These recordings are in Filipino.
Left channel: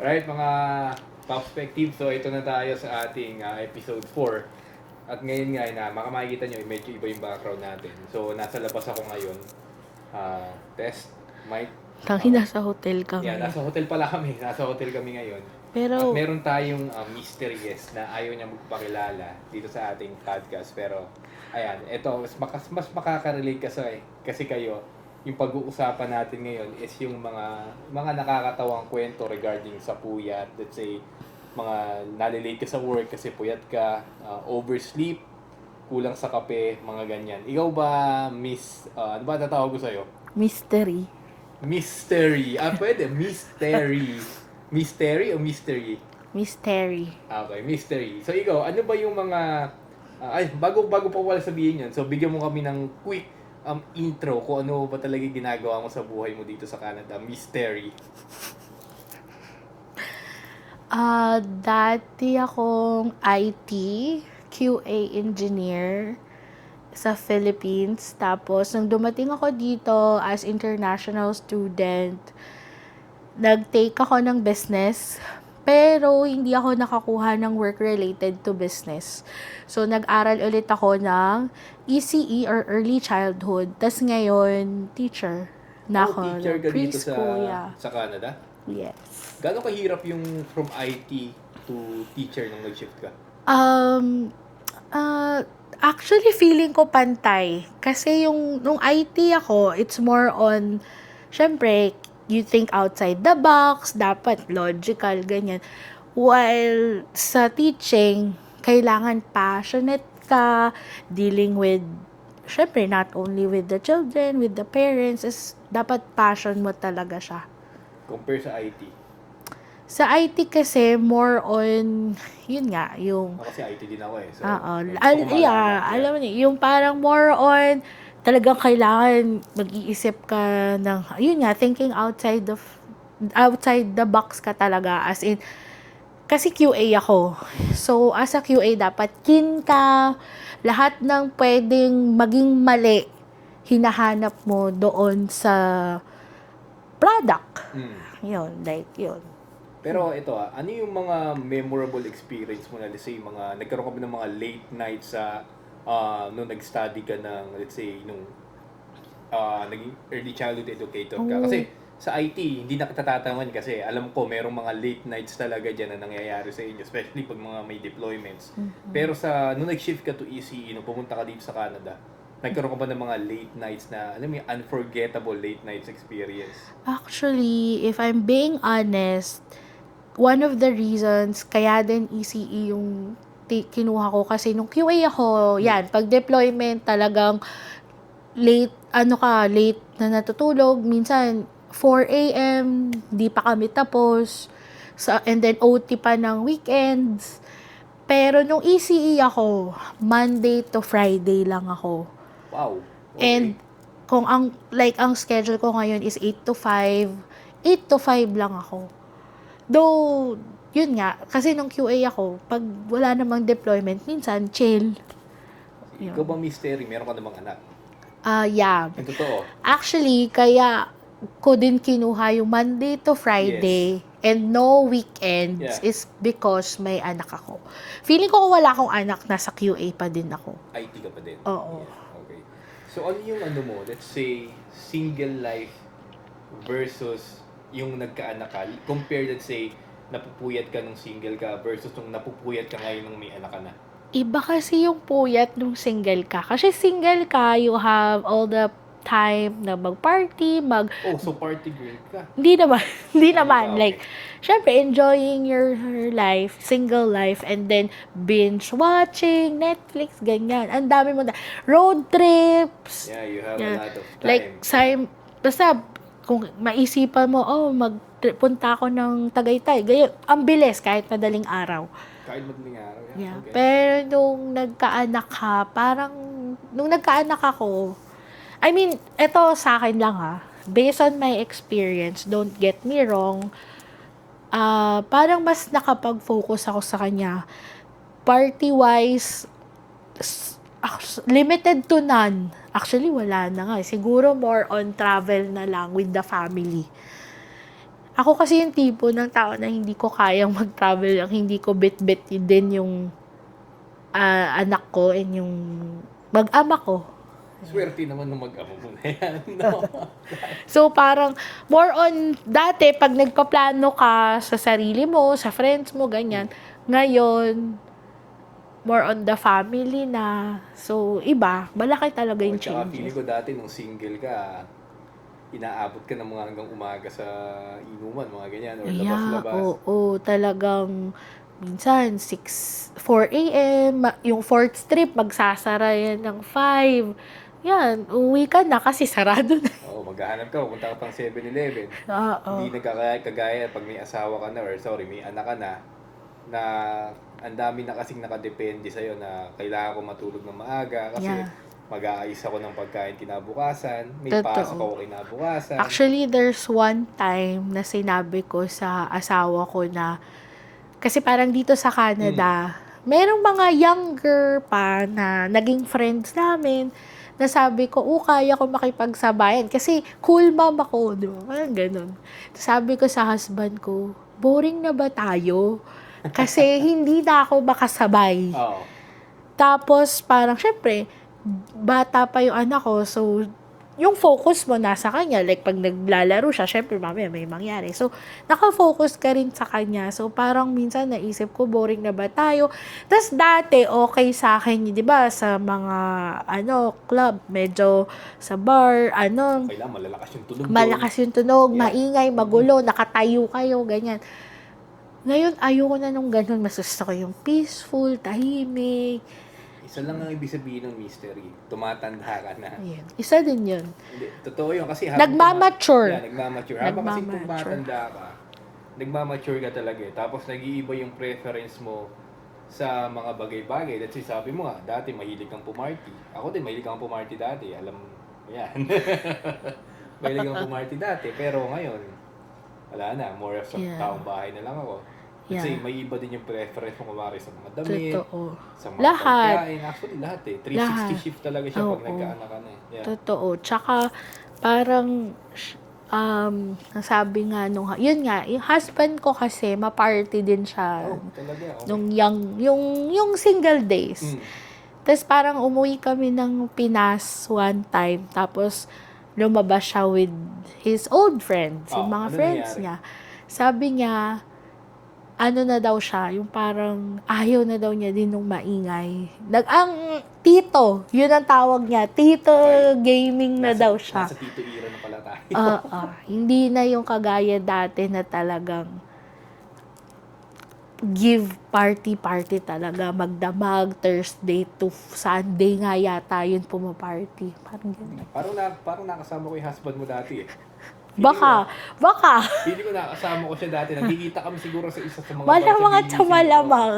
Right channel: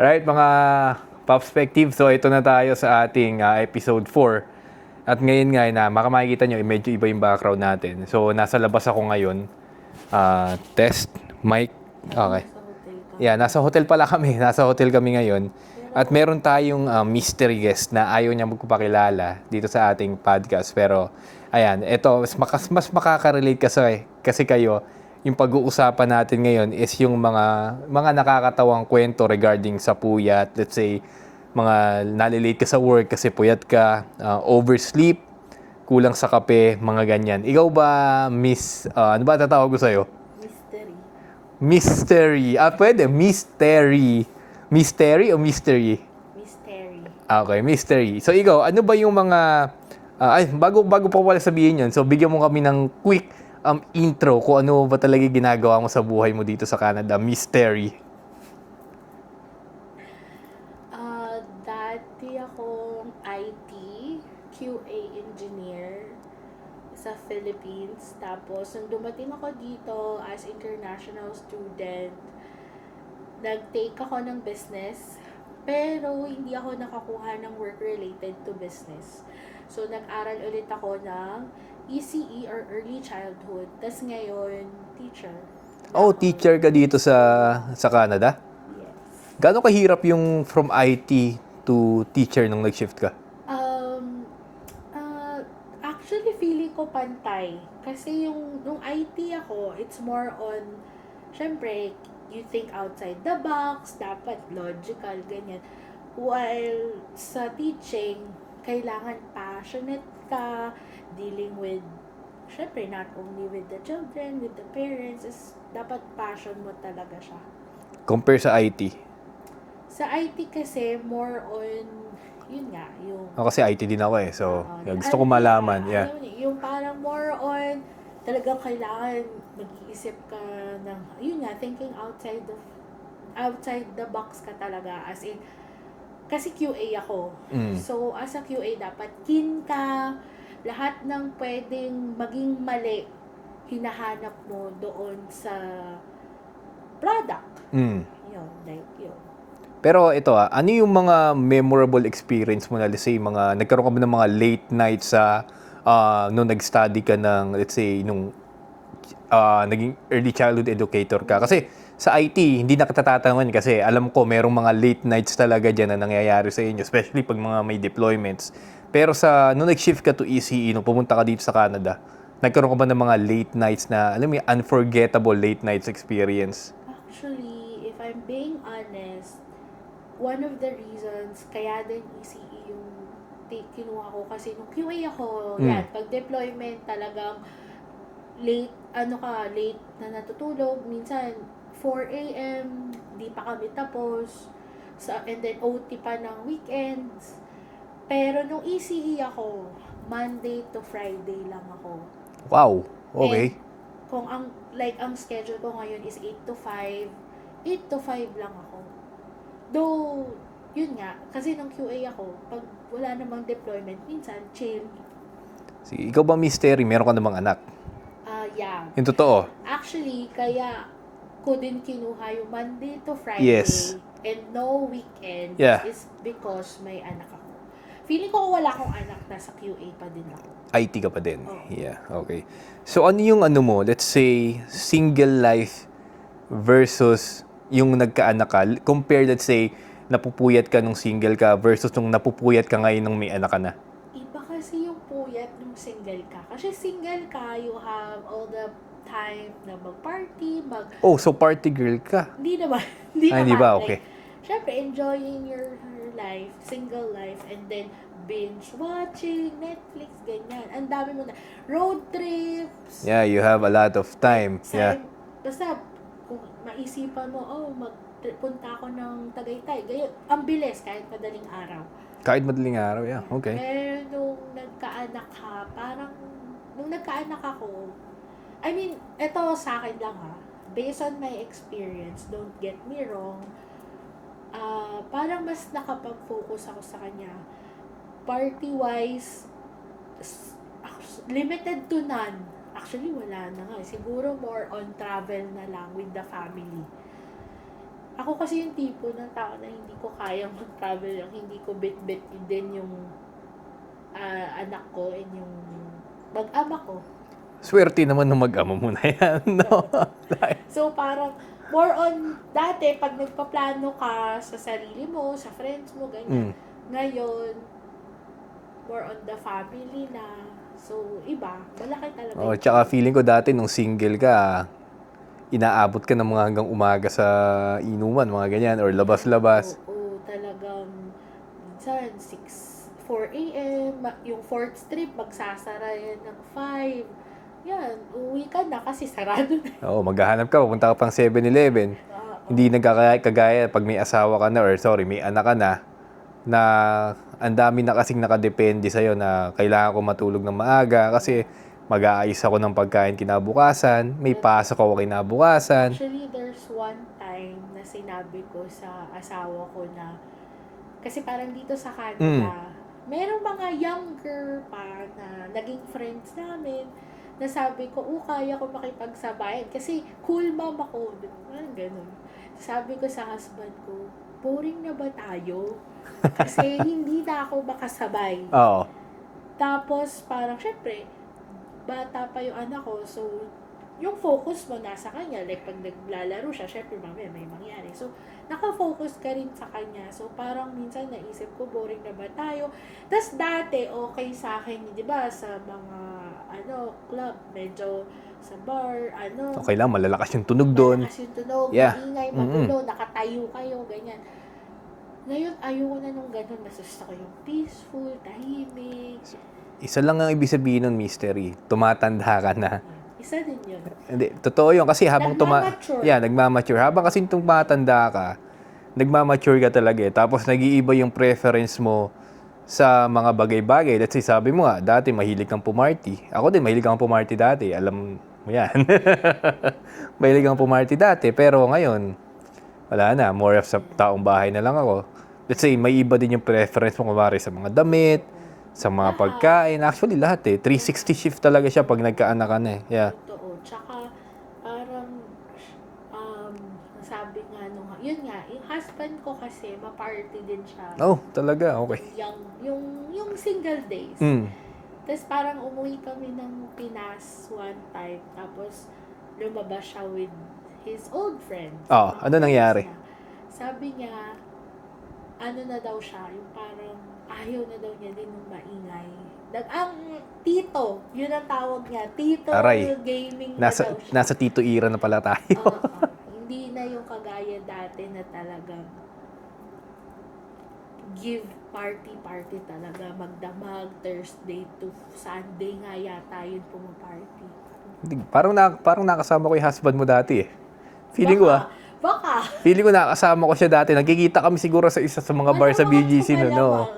Alright, mga Popspective. So, ito na tayo sa ating episode 4. At ngayon nga na, makikita nyo, medyo iba yung background natin. So, nasa labas ako ngayon. Test, mic. Tangi Okay. nasa hotel kami. Yeah, nasa hotel pala kami. Nasa hotel kami ngayon. Pero, At meron tayong mystery guest na ayaw niya magpapakilala dito sa ating podcast. Pero, ayan, ito, mas makaka-relate kasi kayo, yung pag-uusapan natin ngayon is yung mga nakakatawang kwento regarding sa puyat. Let's say, mga nalilate ka sa work kasi puyat ka, oversleep, kulang sa kape, mga ganyan. Ikaw ba, miss, ano ba tatawag ko sa'yo? mystery. Mystery. Pwede. Mystery. Mystery o mystery? Mystery. Okay, mystery. So, ikaw, ano ba yung mga... bago pa pala sabihin yun, so bigyan mo kami ng quick intro kung ano ba talaga ginagawa mo sa buhay mo dito sa Canada. Mystery. Dati akong IT, QA engineer sa Philippines. Tapos, nung dumating ako dito as international student, nag-take ako ng business. Pero, hindi ako nakakuha ng work related to business. So, nag-aral ulit ako ng ECE or Early Childhood. Tas ngayon, teacher. Teacher ka dito sa Canada? Yes. Gaano kahirap yung from IT to teacher nung nag-shift ka? Actually, feeling ko pantay. Kasi nung IT ako, it's more on, syempre, you think outside the box, dapat logical, ganyan. While sa teaching, kailangan passionate ka, dealing with, syempre, not only with the children, with the parents, is dapat passion mo talaga siya. Compare sa IT? Sa IT kasi, more on, yun nga, yung... Kasi IT din ako eh. So, gusto ko Yeah, malaman. Yeah. alam mo niyo, yung parang more on, talagang kailangan mag-iisip ka ng, yun nga, thinking outside the box ka talaga. As in, kasi QA ako. So, as a QA, dapat keen ka, lahat ng pwedeng maging mali, hinahanap mo doon sa product. Yun, like, yun. Pero ito ano yung mga memorable experience mo na, let's say, nagkaroon ka ba ng mga late nights sa nung nag-study ka ng, let's say, nung naging early childhood educator ka? Kasi sa IT, hindi na katatatangan kasi alam ko merong mga late nights talaga dyan na nangyayari sa inyo, especially pag mga may deployments. Pero nung nag-shift ka to ECE, nung pumunta ka dito sa Canada, nagkaroon ka ba ng mga late nights na, alam mo yung unforgettable late nights experience? Actually, if I'm being honest, one of the reasons kaya din ECE yung kinuha ko kasi nung QA ako, yan, pag deployment talagang late na natutulog, minsan 4 a.m., di pa kami tapos, and then OT pa ng weekends. Pero nung ECE ako, Monday to Friday lang ako. Wow, And okay. kung ang schedule ko ngayon is 8 to 5, 8 to 5 lang ako. Though, yun nga, kasi nung QA ako, pag wala namang deployment, minsan, chill. Sige, ikaw ba, mystery, meron ka namang anak? Yeah. Yung totoo? Actually, kaya ko din kinuha yung Monday to Friday and no weekends is because may anak ako. Feeling ko kung wala akong anak, nasa QA pa din ako. IT ka pa din? Oo. Yeah, okay. So, ano yung mo, let's say, single life versus yung nagkaanak ka, compare, let's say, napupuyat ka nung single ka versus nung napupuyat ka ngayon nung may anak ka na? Iba kasi yung puyat nung single ka. Kasi single ka, you have all the time na mag-party, So party girl ka? Hindi naman. Hindi naman. Di ba? Okay. Like, syempre, enjoying your life, single life, and then binge-watching, Netflix, ganyan. Ang dami mo road trips. Yeah, you have a lot of time. Like, basta, kung maisipan mo, magpunta ako ng Tagaytay. Ganyan, ang bilis, kahit madaling araw. Kahit madaling araw, yeah. Okay. Pero nung nagkaanak ka, nung nagkaanak ako, I mean, eto sa akin lang based on my experience, don't get me wrong, parang mas nakapag-focus ako sa kanya. Party-wise, limited to none. Actually, wala na nga. Siguro more on travel na lang with the family. Ako kasi yung tipo ng tao na hindi ko kayang mag-travel, ang hindi ko bit-bit din yung anak ko and yung mag-ama ko. Swerte naman ng mag-ama mo na yan, no? So, parang more on, dati, pag nagpaplano ka sa sarili mo, sa friends mo, ganyan. Ngayon, more on the family na. So, iba. Malaki talaga Oh, yung tsaka change. feeling ko dati nung single ka, inaabot ka ng mga hanggang umaga sa inuman, mga ganyan, or labas-labas. Oo, talagang minsan 4 a.m. Yung fourth strip, magsasara yan ng 5. Yan, uwi ka na kasi sarado na. Oo, maghahanap ka, pupunta ka pang 7-Eleven. Oo. Hindi kagaya pag may asawa ka na, or sorry, may anak ka na ang dami na kasing nakadepende sa'yo na kailangan ko matulog ng maaga kasi Yeah. mag-aayos ako ng pagkain kinabukasan, may Totoo. pasok ako kinabukasan. Actually, there's one time na sinabi ko sa asawa ko na, kasi parang dito sa Canada, merong mga younger pa na naging friends namin, na sabi ko, kaya ko makipagsabayan. Kasi cool mom ako, di ba? Parang ganun. Sabi ko sa husband ko, boring na ba tayo? Kasi hindi na ako makasabay. Oo. Tapos, parang, syempre, bata pa yung anak ko, so, yung focus mo nasa kanya. Like, pag naglalaro siya, syempre, mamaya may mangyari. So, nakafocus ka rin sa kanya. So, parang minsan naisip ko, boring na ba tayo? Tapos, dati, okay sa akin, di ba, sa mga, club, medyo sa bar, Okay lang, malalakas yung tunog doon. malakas yung tunog, Yeah. maingay, magulo, nakatayo kayo, ganyan. Ngayon, ayoko na nung ganun. Mas gusto ko yung peaceful, tahimik. Isa lang ang ibig sabihin nun, mystery. Tumatanda ka na. Ayan. Isa din yun. Hindi, totoo yun. Kasi habang Nagmamature. nagmamature. Habang kasing tumatanda ka, nagmamature ka talaga eh. Tapos nag-iiba yung preference mo sa mga bagay-bagay. Let's say, sabi mo nga, dati mahilig kang pumarty. Ako din, mahilig kang pumarty dati. Alam mo yan. Mahilig kang pumarty dati. Pero ngayon, wala na. More of sa taong bahay na lang ako. Let's say, may iba din yung preference mo, kumari sa mga damit, Totoo. sa mga Lahat. pagkain. Actually, lahat eh. 360 Lahat. shift talaga siya pag Oo. nagkaanak ka na eh. Yeah. Totoo. Tsaka, parang, nasabi nga nung, yun nga, yung husband ko kasi, ma-party din siya. Oh, talaga. Okay. Yung single days. Mm. Tapos parang umuwi kami ng Pinas one time. Tapos lumabas siya with his old friends. Oh, yung mga ano friends nangyari? niya. Sabi niya, ano na daw siya, yung parang ayaw na daw niya din nung maingay. Ang tito, yun ang tawag niya. Tito Aray. gaming na daw siya. Nasa Tito Ira na pala tayo. Hindi na yung kagaya dati na talagang give party talaga, magdamag, Thursday to Sunday nga yata yun pumaparty. Parang Parang nakasama ko yung husband mo dati eh. Feeling baka. feeling ko nakasama ko siya dati. Nagkikita kami siguro sa isa sa mga bar sa Malamang at BGC no. malamang.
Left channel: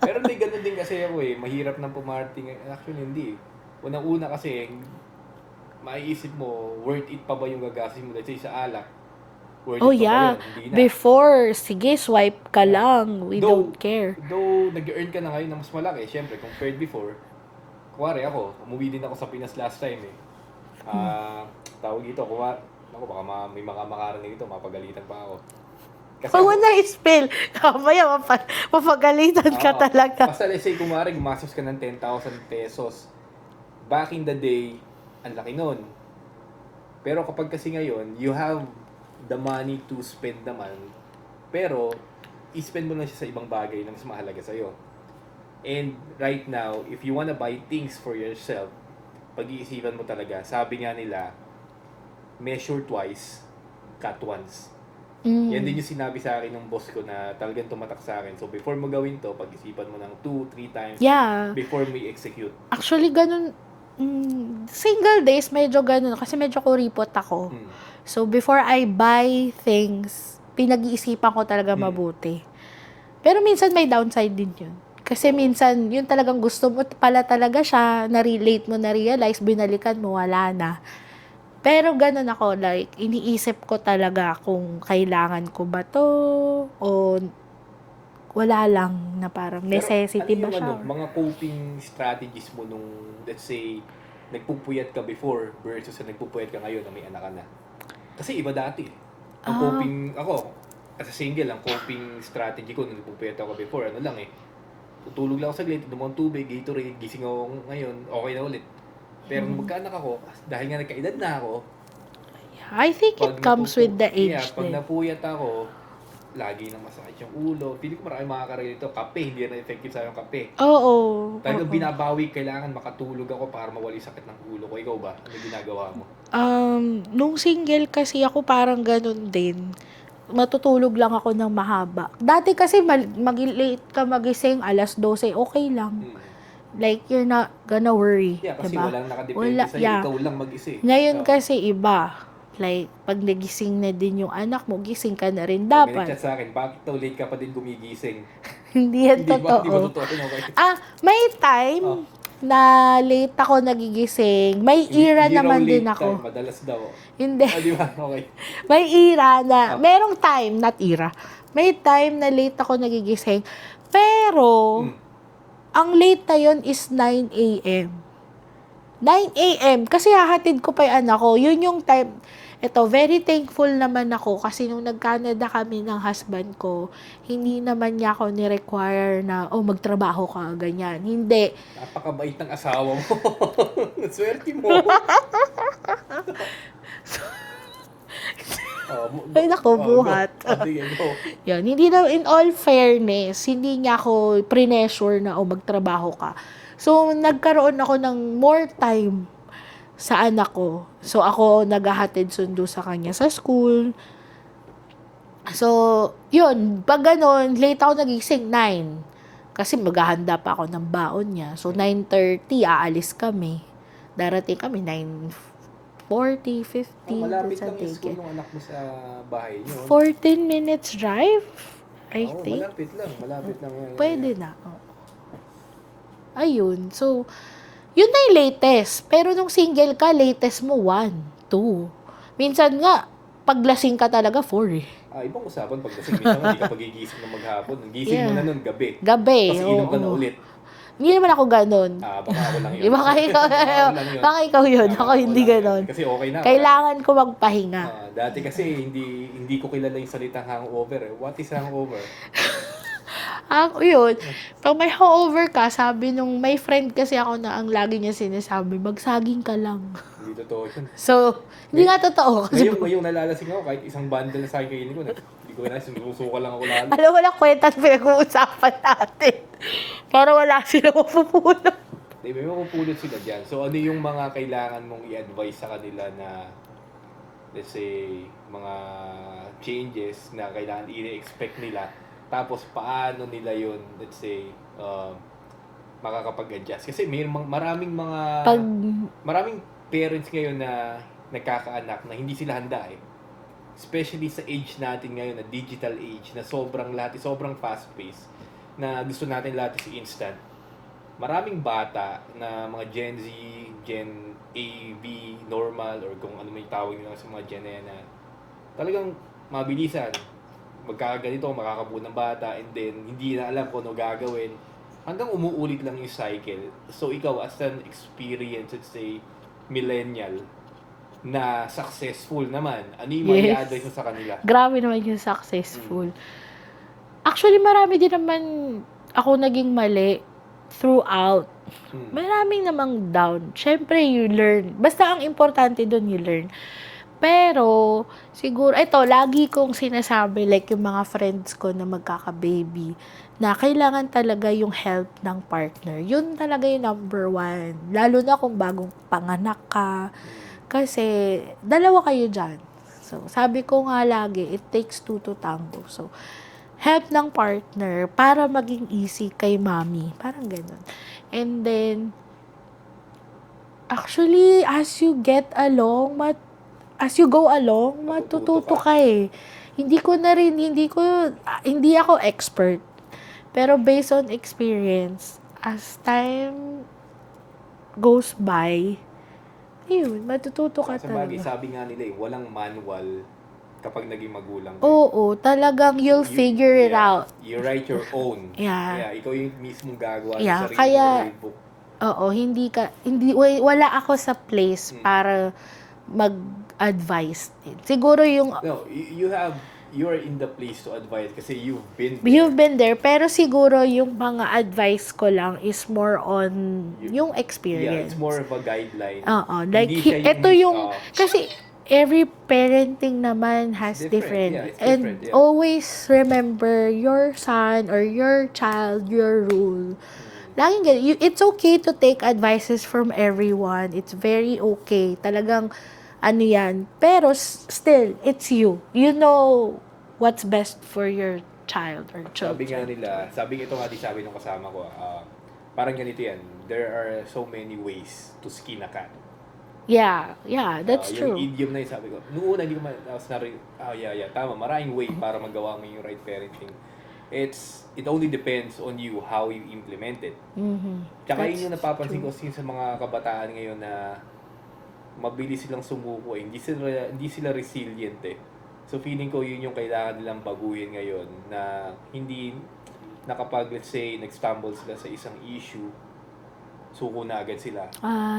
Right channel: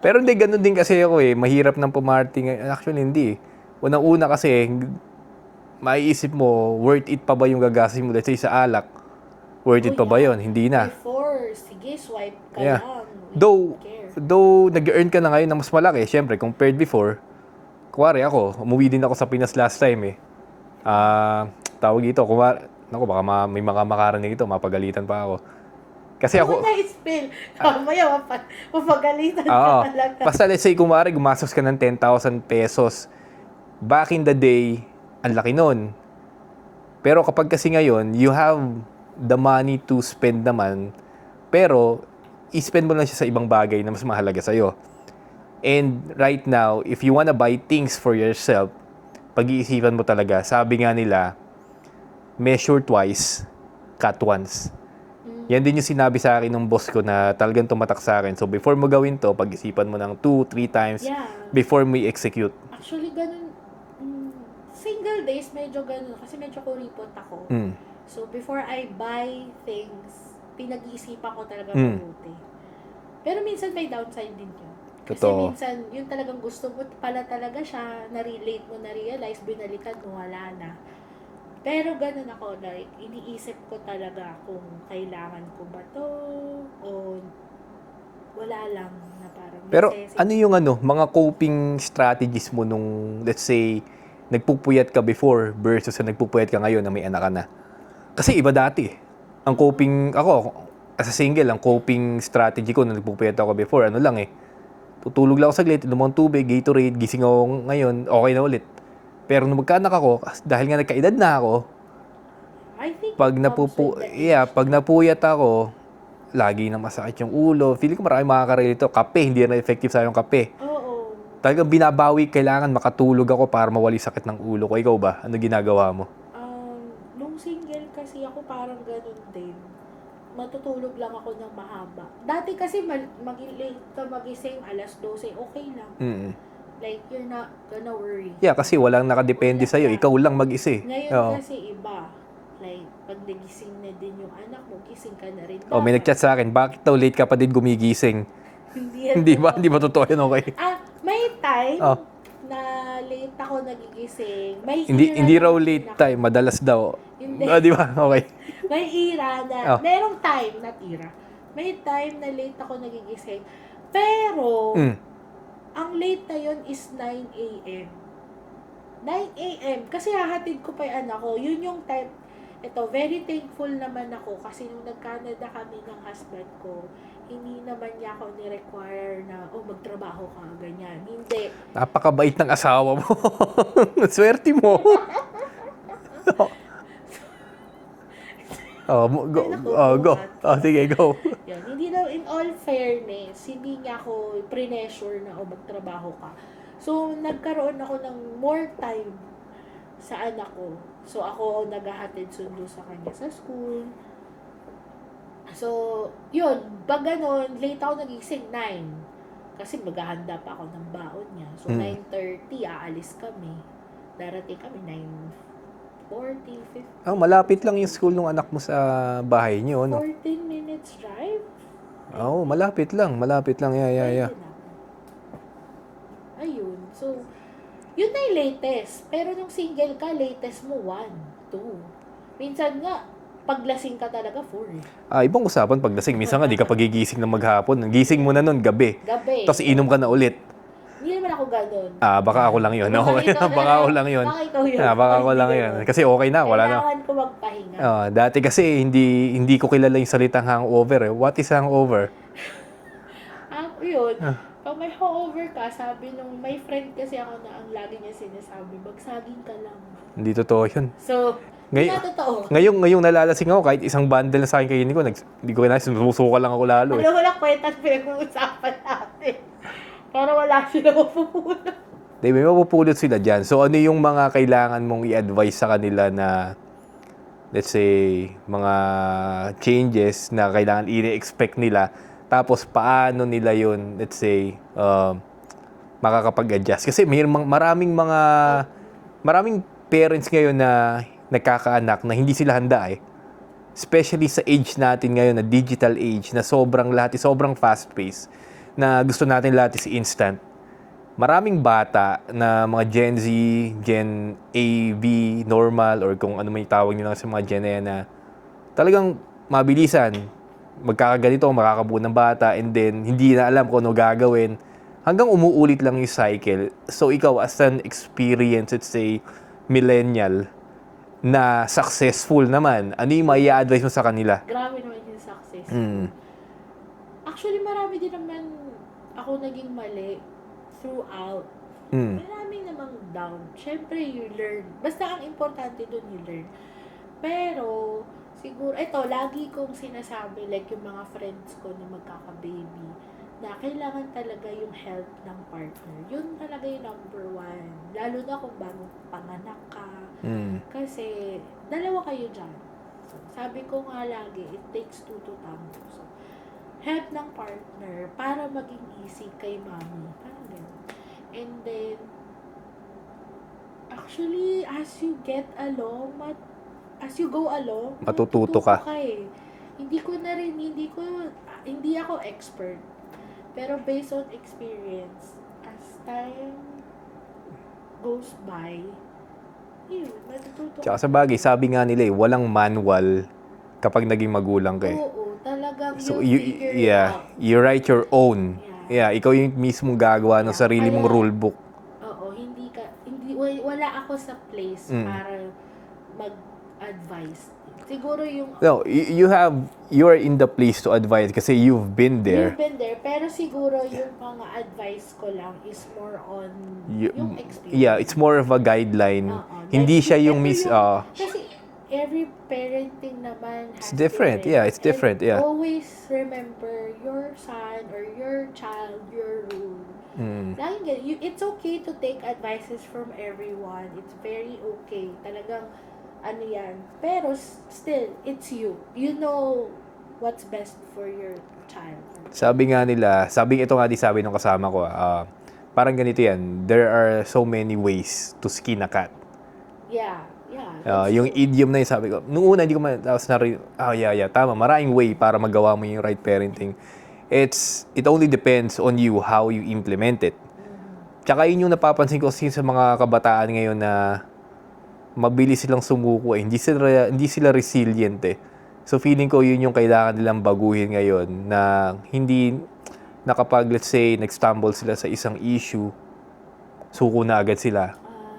Pero hindi, ganun din kasi ako eh. Mahirap ng pumarty. Actually, hindi. Unang-una kasi, maiisip mo, worth it pa ba yung gagastos mo? Let's say sa alak. Worth it pa ba yun? Hindi na. Before, sige, swipe ka Yeah. lang. We don't care. Though, nag-earn ka na ngayon na mas malaki. Siyempre, compared before, kuwari ako, umuwi din ako sa Pinas last time eh. Tawag dito, naku, baka may mga makarinig ito, mapagalitan pa ako. Kasi Huwag na i-spill. Mamaya, mapagalitan ka Oo. talaga. Basta let's say, kumari, gumastos ka ng 10,000 pesos. Back in the day, ang laki nun. Pero kapag kasi ngayon, you have the money to spend naman, pero i-spend mo lang siya sa ibang bagay na mas mahalaga sa'yo. And right now, if you wanna buy things for yourself, pag-iisipan mo talaga, sabi nga nila, measure twice, cut once. Yan din yung sinabi sa akin ng boss ko na talagang tumatak sa akin. So before mo gawin to, pag-isipan mo ng 2-3 times Yeah. before mo i-execute. Actually, ganun. Single days, medyo ganun. Kasi medyo kuripot ako. So, before I buy things, pinag-iisipan ko talaga mabuti. Pero minsan may downside din yun. Kasi Totoo. minsan, yun talagang gusto mo pala talaga siya, na-relate mo, na-realize, binalikan mo, wala na. Pero ganun ako, like, iniisip ko talaga kung kailangan ko ba to, o wala lang na parang Pero necessity ano na yung siya. mga coping strategies mo nung, let's say, nagpupuyat ka before versus sa nagpupuyat ka ngayon na may anak ka na? Kasi iba dati eh. Ang coping, ako, as a single, ang coping strategy ko nung nagpupuyat ako before, ano lang tutulog lang ako saglit, inom akong tubig, Gatorade, gising ako ngayon, okay na ulit. Pero nung magkaanak ako, dahil nga nagkaedad na ako, I think it comes with the age. pag napuyat ako, lagi na masakit yung ulo. Feeling ko marami makaka-relate ito. Kape, hindi na effective sa yung kape. Oo. Talagang binabawi, kailangan makatulog ako para mawali sakit ng ulo ko. Ikaw ba? Ano ginagawa mo? Nung single kasi ako parang ganun din. Matutulog lang ako ng mahaba. Dati kasi mag-late ka magising, 12:00, okay lang. Mm. Like, you're not gonna worry. Yeah, kasi diba? walang nakadepende sa'yo. Yeah. Ikaw lang mag-isa. Ngayon Oo. kasi iba. Like, pag nagising na din yung anak mo, gising ka na rin May dapat. nag-chat sa akin, bakit daw late ka pa din gumigising? Hindi yan Hindi totoo. ba? Hindi ba totoo yun? Okay. May time Oh. na late ako nagigising. May Hindi, era hindi raw naman din late ako. time, madalas daw. Hindi. Di ba? Okay. May era na, Oh. merong time, not era. May time na late ako nagigising. Pero, ang late na yun is 9 a.m. 9 a.m. Kasi hahatid ko pa yung anak ko. Yun yung time. Ito, very thankful naman ako kasi nung nag-Canada kami ng husband ko, hindi naman niya ako ni-require na, magtrabaho ka, ganyan. Hindi. Napakabait ng asawa mo. Swerte mo. Ay, naku, buhat. Sige, go. Yun, hindi na, in all fairness, hindi niya ako pressure na, magtrabaho ka. So, nagkaroon ako ng more time sa anak ko. So, ako naghahatid sundo sa kanya sa school. So, yun, pag ganun, late ako nagising 9. Kasi maghahanda pa ako ng baon niya. So, 9:30, aalis kami. Darating kami, 9:40, 50. Malapit lang yung school ng anak mo sa bahay niyo. 14 minutes drive, I think. Malapit lang. Malapit lang. Yeah. Pwede na. Ayun. So, yun na yung latest. Pero nung single ka, latest mo 1, 2. Minsan nga, paglasing ka talaga 4 eh. Ibang usapan paglasing. Minsan nga, di ka pagigising ng maghapon. Gising mo na nun, gabi. Gabi. Tapos inom ka na ulit. Hindi naman ako ganun. Baka ako lang yun. Baka Baka ako lang yun. Baka ikaw yun. Baka Ako ako hindi lang yun. ganun. Kasi okay na. Wala na. Kailangan ko magpahinga. Dati kasi hindi ko kilala yung salitang hangover. What is hangover? Yun. Pag may hangover ka, sabi nung may friend kasi ako na ang lagi niya sinasabi, magsaging ka lang. Hindi totoo yun. So, hindi nga totoo. Ngayong nalalasing ako, kahit isang bundle na sa akin kainin ko, hindi ko na, sumusuka lang ako lalo. Alam mo na kwenta at pinag-uusapan natin. Para wala sila mapupulot. May mapupulot sila dyan. So, ano yung mga kailangan mong i-advise sa kanila na, let's say, mga changes na kailangan i-expect nila, tapos paano nila yun, let's say, makakapag-adjust? Kasi maraming parents ngayon na nagkakaanak na hindi sila handa eh. Especially sa age natin ngayon, na digital age, na sobrang fast-paced, na gusto natin lahat is instant. Maraming bata na mga Gen Z, Gen A, B, normal, or kung ano may tawag nila sa mga Gen na yan na talagang mabilisan. Magkakaganito, makakabuo ng bata, and then hindi na alam kung ano gagawin. Hanggang umuulit lang yung cycle. So ikaw, as an experienced, let's say, millennial, na successful naman, ano yung mai-advise mo sa kanila? Grabe naman yung successful. Actually, marami din naman ako naging mali throughout. Maraming namang down. Siyempre, you learn. Basta ang importante doon, you learn. Pero, siguro, ito, lagi kong sinasabi, like yung mga friends ko na magkaka-baby, na kailangan talaga yung help ng partner. Yun talaga yung number 1. Lalo na kung bagong panganak ka. Kasi, dalawa kayo dyan. So, sabi ko nga lagi, it takes 2 to tango. So, help ng partner para maging easy kay mommy. Parang ganun. And then, actually, as you go along, matututo ka eh. Hindi ako expert. Pero based on experience, as time goes by, matututo ka. Sa bagay, sabi nga nila walang manual kapag naging magulang kayo. Oo, talagang you'll figure it out. You write your own. Yeah. Ikaw yung mismong gagawa ng sarili mong rulebook. Oo, wala ako sa place para advise din. Siguro yung No, you're in the place to advise kasi you've been there. you've been there, pero siguro yung mga advice ko lang is more on yung experience. Yeah, it's more of a guideline. Oo. Hindi siya yung kasi every parenting naman has It's different. Yeah, it's different. And Yeah. always remember your son or your child, your rule. Laging ganun. It's okay to take advices from everyone. It's very okay. Talagang, ano yan. Pero still, it's you. You know what's best for your child or child. Sabi nga nila, sabi nung kasama ko, parang ganito yan, there are so many ways to skin a cat. Yeah, that's Yung true. idiom na yun, sabi ko, nung una, hindi ko tapos tama, maraming way para magawa mo yung right parenting. It only depends on you how you implement it. Tsaka yun yung napapansin ko sa mga kabataan ngayon na mabilis silang sumuko hindi sila resilient eh. So feeling ko yun yung kailangan nilang baguhin ngayon na hindi na kapag let's say nag-stumble sila sa isang issue, suko na agad sila.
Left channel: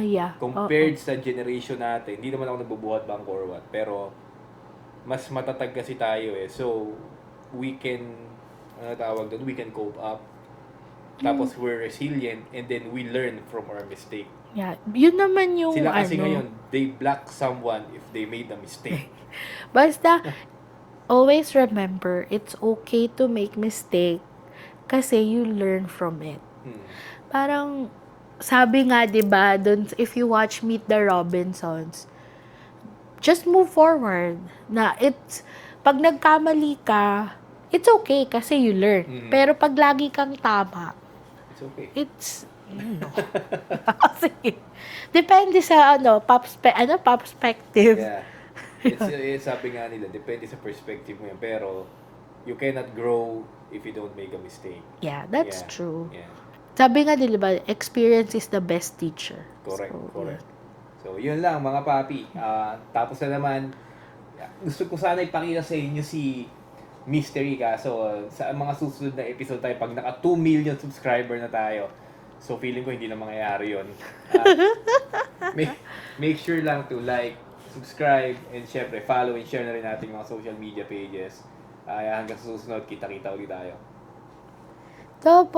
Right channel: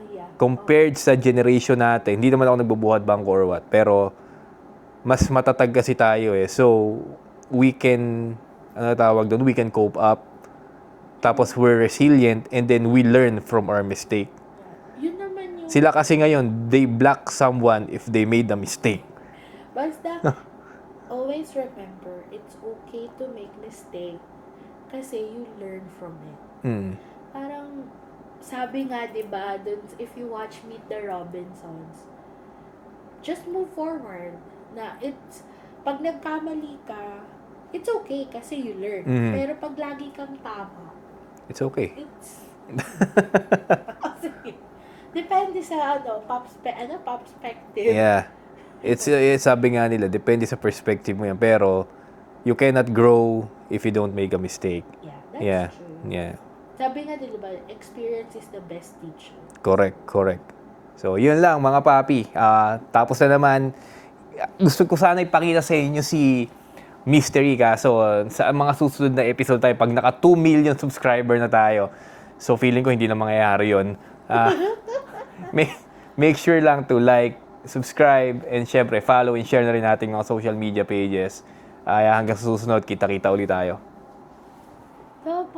Yeah. Compared sa generation natin, hindi naman ako nagbubuhat bangko or what, pero mas matatag kasi tayo eh. So, we can, we can cope up. Tapos we're resilient and then we learn from our mistake. Yeah. Yun naman yung Sila kasi ngayon, they block someone if they made a mistake. Basta, always remember, it's okay to make mistake kasi you learn from it. Parang, sabi nga, di ba, if you watch Meet the Robinsons, just move forward. Pag nagkamali ka, it's okay kasi you learn. Pero pag lagi kang tama, it's okay. Sige. Depende sa, perspective. Yeah. It's sabi nga nila, depende sa perspective mo yan. Pero, you cannot grow if you don't make a mistake. Yeah, that's true. Yeah. Sabi nga nila ba, experience is the best teacher. Correct. So, yun lang mga papi. Tapos na naman, gusto ko sana ipakita sa inyo si Mystery kaso sa mga susunod na episode tayo, pag naka 2 million subscriber na tayo, so feeling ko hindi na mangyayari yun. Make sure lang to like, subscribe, and syempre follow and share na rin natin mga social media pages. Hanggang sa susunod, kita-kita ulit tayo. Tapos,